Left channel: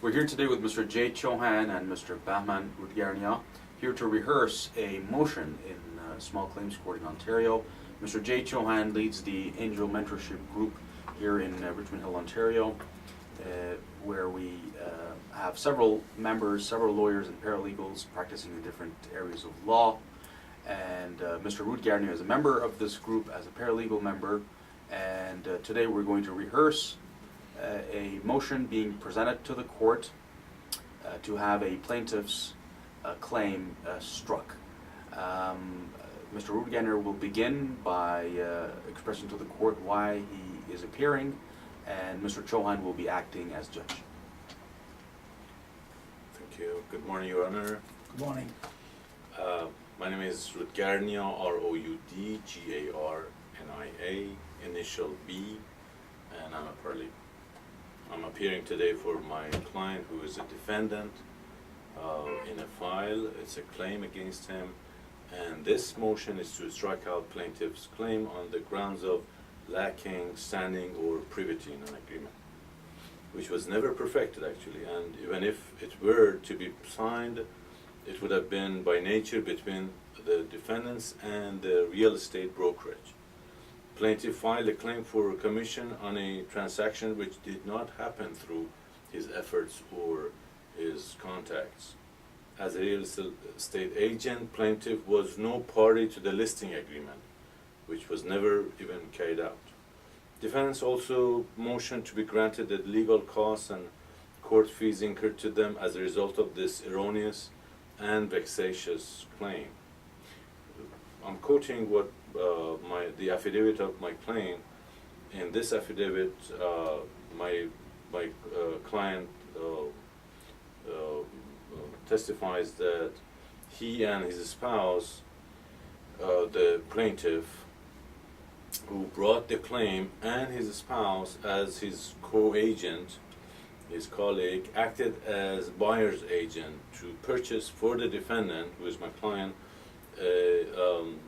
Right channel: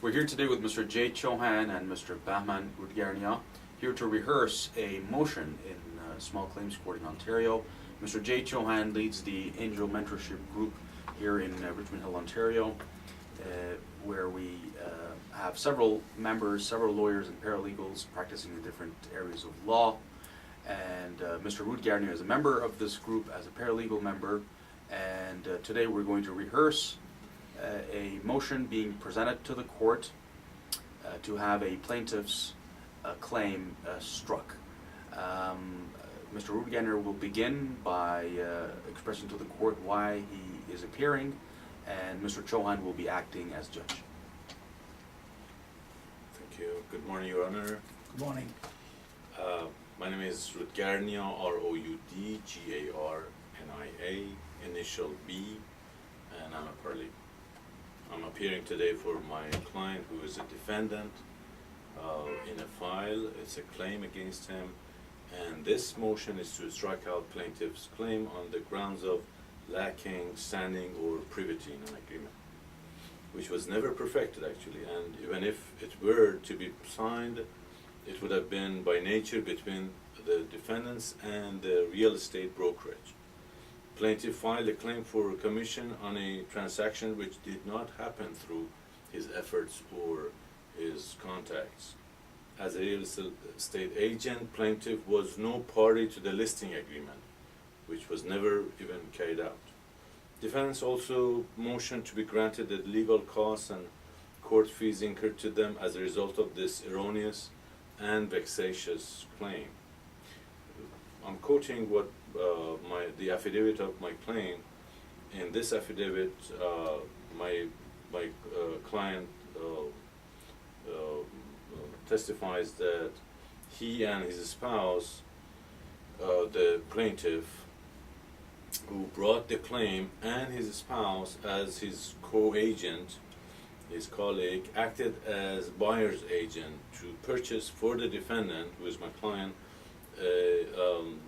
We're here today with Mr. Jay Chauhan and Mr. Bahman Rudgarnia, here to rehearse a motion in Small Claims Court in Ontario. Mr. Jay Chauhan leads the Angel Mentorship Group here in Richmond Hill, Ontario, where we have several members, several lawyers and paralegals practicing in different areas of law. And Mr. Rudgarnia is a member of this group as a paralegal member, and today we're going to rehearse a motion being presented to the court to have a plaintiff's claim struck. Mr. Rudgarnia will begin by expressing to the court why he is appearing, and Mr. Chauhan will be acting as judge. Thank you. Good morning, Your Honor. Good morning. My name is Rudgarnia, Roudgarnia, initial B, and I'm a paralegal. I'm appearing today for my client, who is a defendant in a file. It's a claim against him, and this motion is to strike out plaintiff's claim on the grounds of lacking standing or privity in an agreement, which was never perfected actually, and even if it were to be signed, it would have been by nature between the defendants and the real estate brokerage. Plaintiff filed a claim for commission on a transaction which did not happen through his efforts or his contacts. As a real estate agent, plaintiff was no party to the listing agreement, which was never even carried out. Defendants also motioned to be granted the legal costs and court fees incurred to them as a result of this erroneous and vexatious claim. I'm quoting what the affidavit of my claim. In this affidavit, my client testifies that he and his spouse, the plaintiff, who brought the claim, and his spouse as his co-agent, his colleague, acted as buyer's agent to purchase for the defendant, who is my client.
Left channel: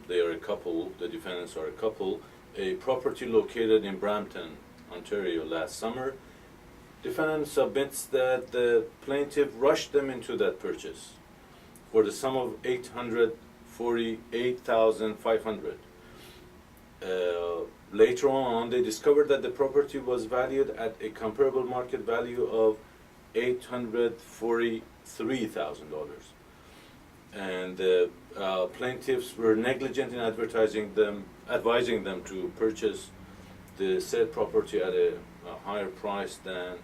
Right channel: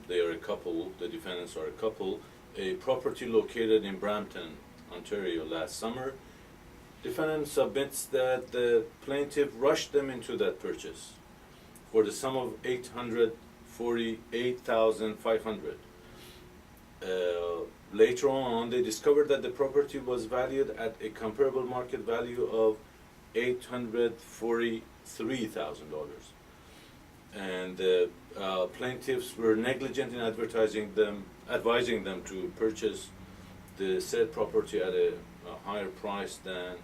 They are a couple, the defendants are a couple, a property located in Brampton, Ontario last summer. Defendant submits that the plaintiff rushed them into that purchase for the sum of $848,500. Later on, they discovered that the property was valued at a comparable market value of $843,000. And the plaintiffs were negligent in advising them to purchase the said property at a higher price than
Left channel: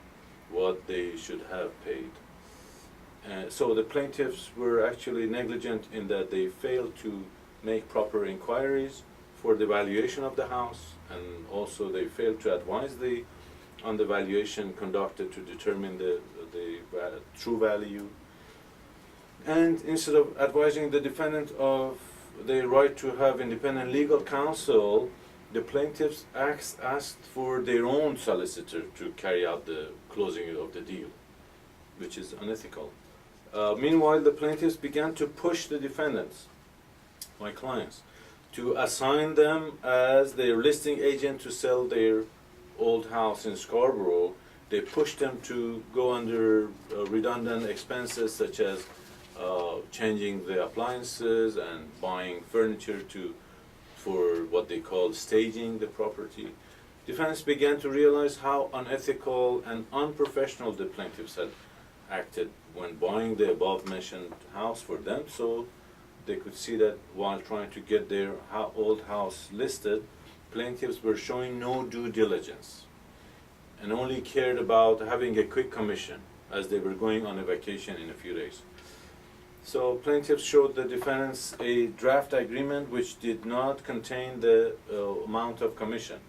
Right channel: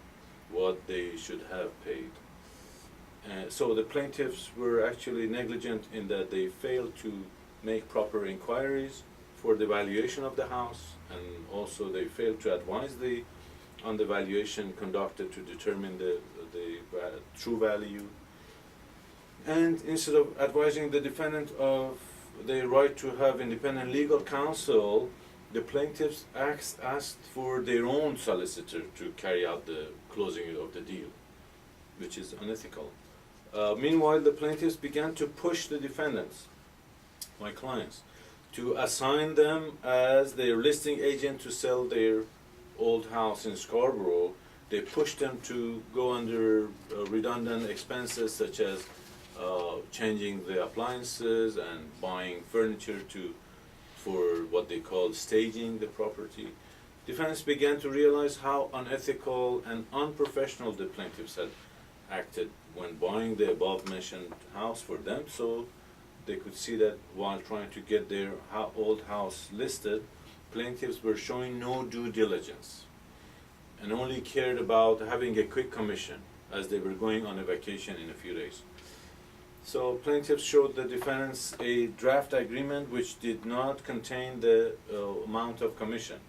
what they should have paid. So the plaintiffs were actually negligent in that they failed to make proper inquiries for the valuation of the house, and also they failed to advise on the valuation conducted to determine the true value. And instead of advising the defendant of the right to have independent legal counsel, the plaintiffs asked for their own solicitor to carry out the closing of the deal, which is unethical. Meanwhile, the plaintiffs began to push the defendants, my clients, to assign them as their listing agent to sell their old house in Scarborough. They pushed them to go under redundant expenses such as changing the appliances and buying furniture for what they call staging the property. Defendants began to realize how unethical and unprofessional the plaintiffs had acted when buying the above-mentioned house for them, so they could see that while trying to get their old house listed, plaintiffs were showing no due diligence and only cared about having a quick commission as they were going on a vacation in a few days. So plaintiffs showed the defendants a draft agreement which did not contain the amount of commission,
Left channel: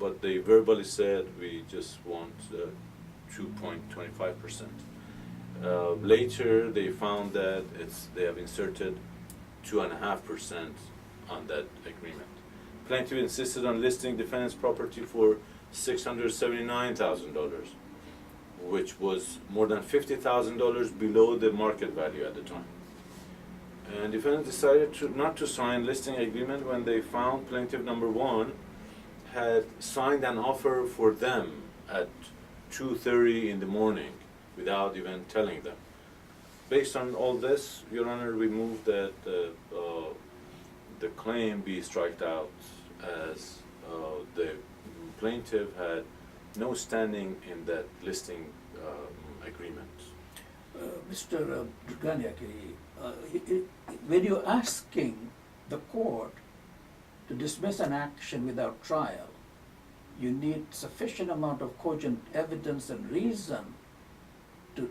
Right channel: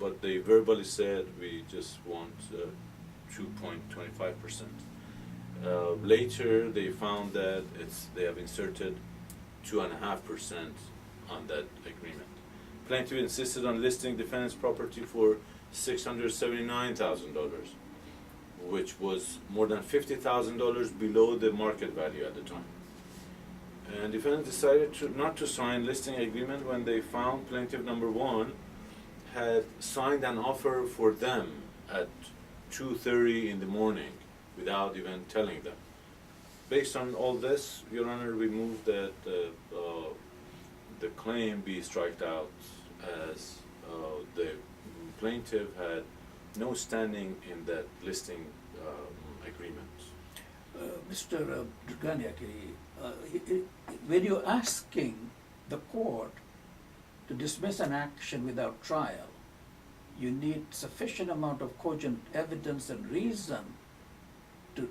but they verbally said we just want 2.25%. Later they found that they have inserted 2.5% on that agreement. Plaintiff insisted on listing defendant's property for $679,000, which was more than $50,000 below the market value at the time. And defendant decided not to sign listing agreement when they found plaintiff number one had signed an offer for them at 2:30 in the morning, without even telling them. Based on all this, Your Honor, we move that the claim be striked out as the plaintiff had no standing in that listing agreement. Mr. Drganiaki, when you're asking the court to dismiss an action without trial, you need sufficient amount of cogent evidence and reason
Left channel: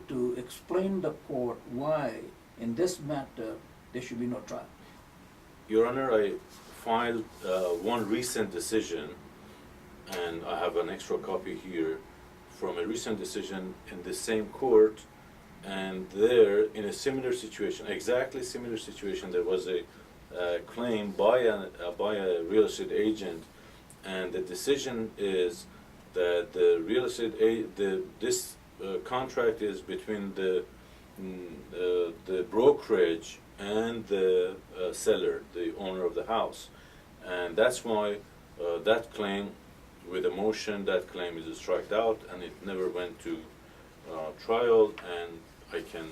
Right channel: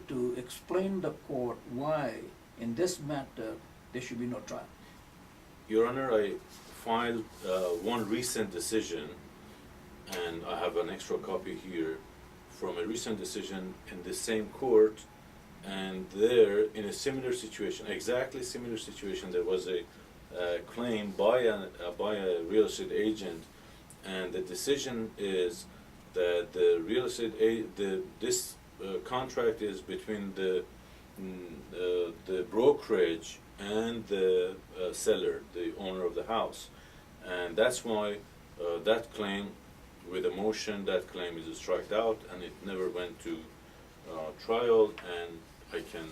to explain the court why, in this matter, there should be no trial. Your Honor, I filed one recent decision, and I have an extra copy here from a recent decision in the same court, and there, in a similar situation, exactly similar situation, there was a claim by a real estate agent, and the decision is that the real estate this contract is between the brokerage and the seller, the owner of the house, and that's why that claim, with a motion, that claim is struck out, and it never went to trial, and I can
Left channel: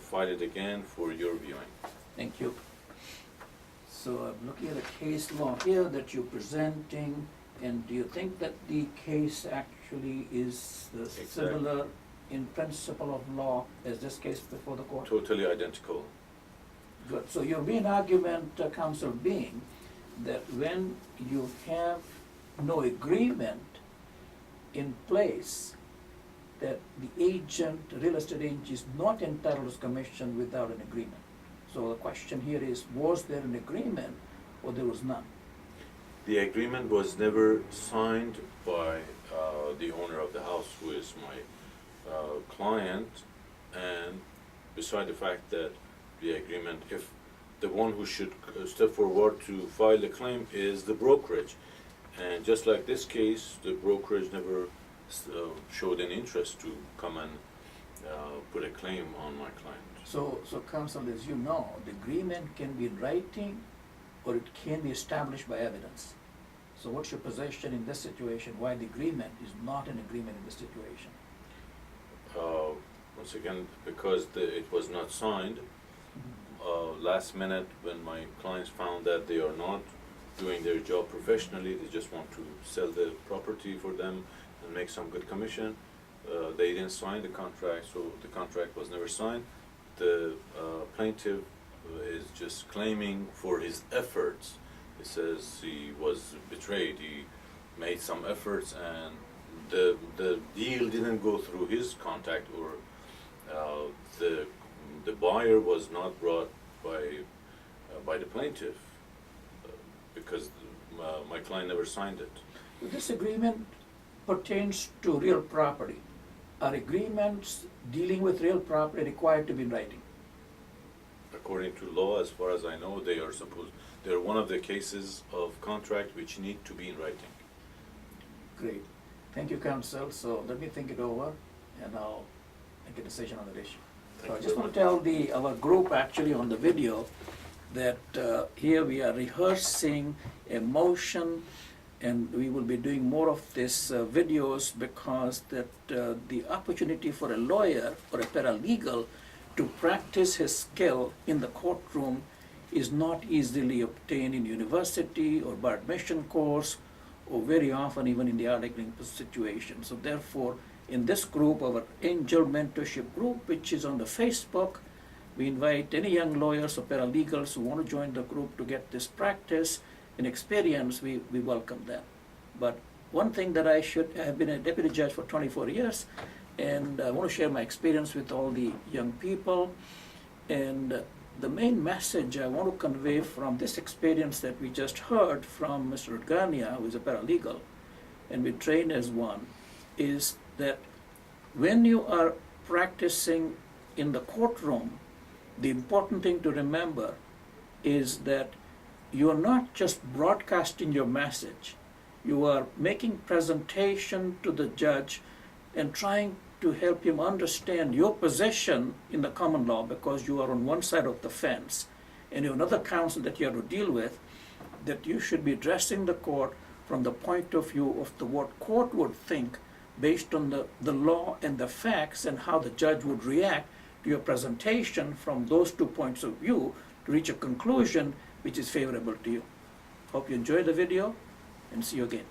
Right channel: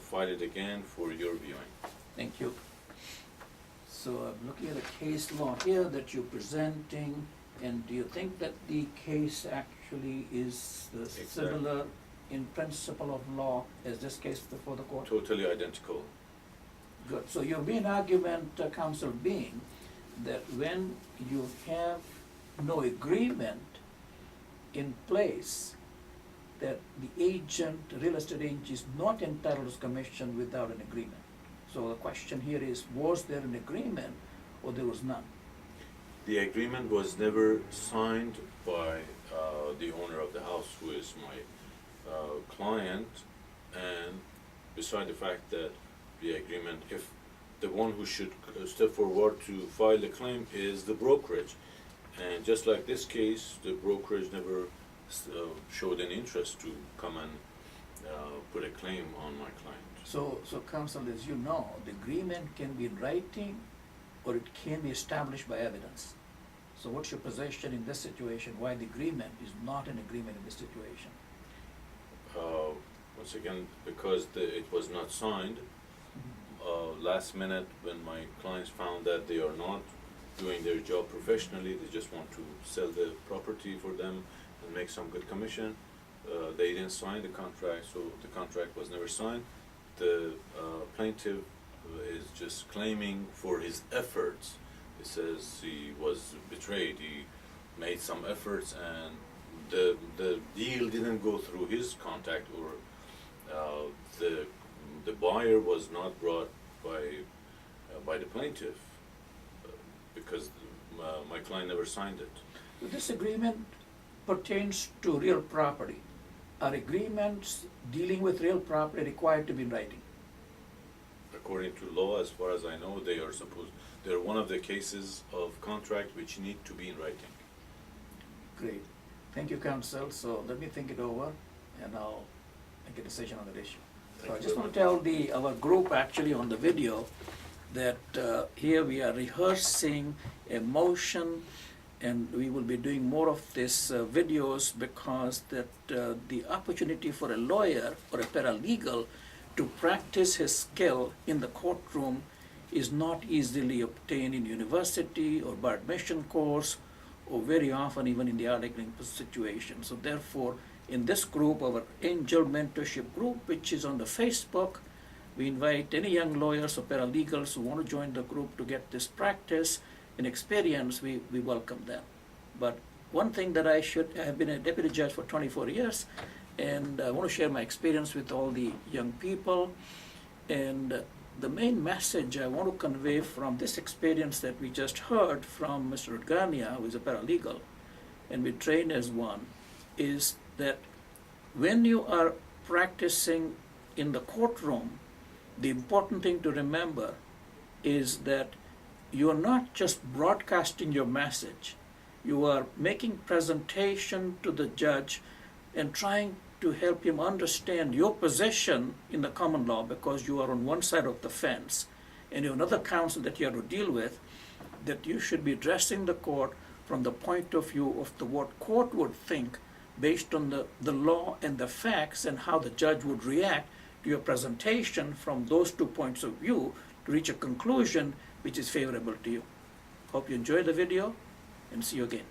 file it again for your viewing. Thank you. So I'm looking at a case law here that you're presenting, and do you think that the case actually is similar in principle of law as this case before the court? Totally identical. Good. So your main argument, counsel, being that when you have no agreement in place, that the agent, real estate agent, is not entitled to commission without an agreement. So the question here is, was there an agreement or there was none? The agreement was never signed by the owner of the house, who is my client, and beside the fact that the agreement, if the one who should step forward to file the claim is the brokerage, and just like this case, the brokerage never showed an interest to come and put a claim on my client. So counsel, as you know, the agreement can be in writing or it can be established by evidence. So what's your position in this situation, why the agreement is not an agreement in this situation? Once again, because it was not signed, last minute when my clients found that they are not doing their job professionally, they just want to sell the property for them and make some good commission, they didn't sign the contract, so the contract was never signed. The plaintiff is just claiming for his efforts. He says he was betrayed, he made some efforts, and the deal didn't go through his contact, or the buyer was not brought by the plaintiff, because my client never signed it. This agreement pertains to real property. Are agreements dealing with real property required to be in writing? According to law, as far as I know, they're one of the cases of contract which need to be in writing. Great. Thank you, counsel. So let me think it over and I'll make a decision on that issue. So I just want to tell our group actually on the video that here we are rehearsing a motion, and we will be doing more of these videos, because that the opportunity for a lawyer or a paralegal to practice his skill in the courtroom is not easily obtained in university or bar admission course, or very often even in the articling situation. So therefore, in this group, our Angel Mentorship Group, which is on the Facebook, we invite any young lawyers or paralegals who want to join the group to get this practice and experience, we welcome them. But one thing that I have been a deputy judge for 24 years, and I want to share my experience with all the young people. And the main message I want to convey from this experience that we just heard from Mr. Urgania, who is a paralegal, and we train as one, is that when you are practicing in the courtroom, the important thing to remember is that you are not just broadcasting your message. You are making presentation to the judge and trying to help him understand your position in the common law, because you are on one side of the fence and you have another counsel that you have to deal with, that you should be addressing the court from the point of view of what court would think based on the law and the facts and how the judge would react to your presentation from those 2 points of view to reach a conclusion which is favorable to you. Hope you enjoy the video and see you again.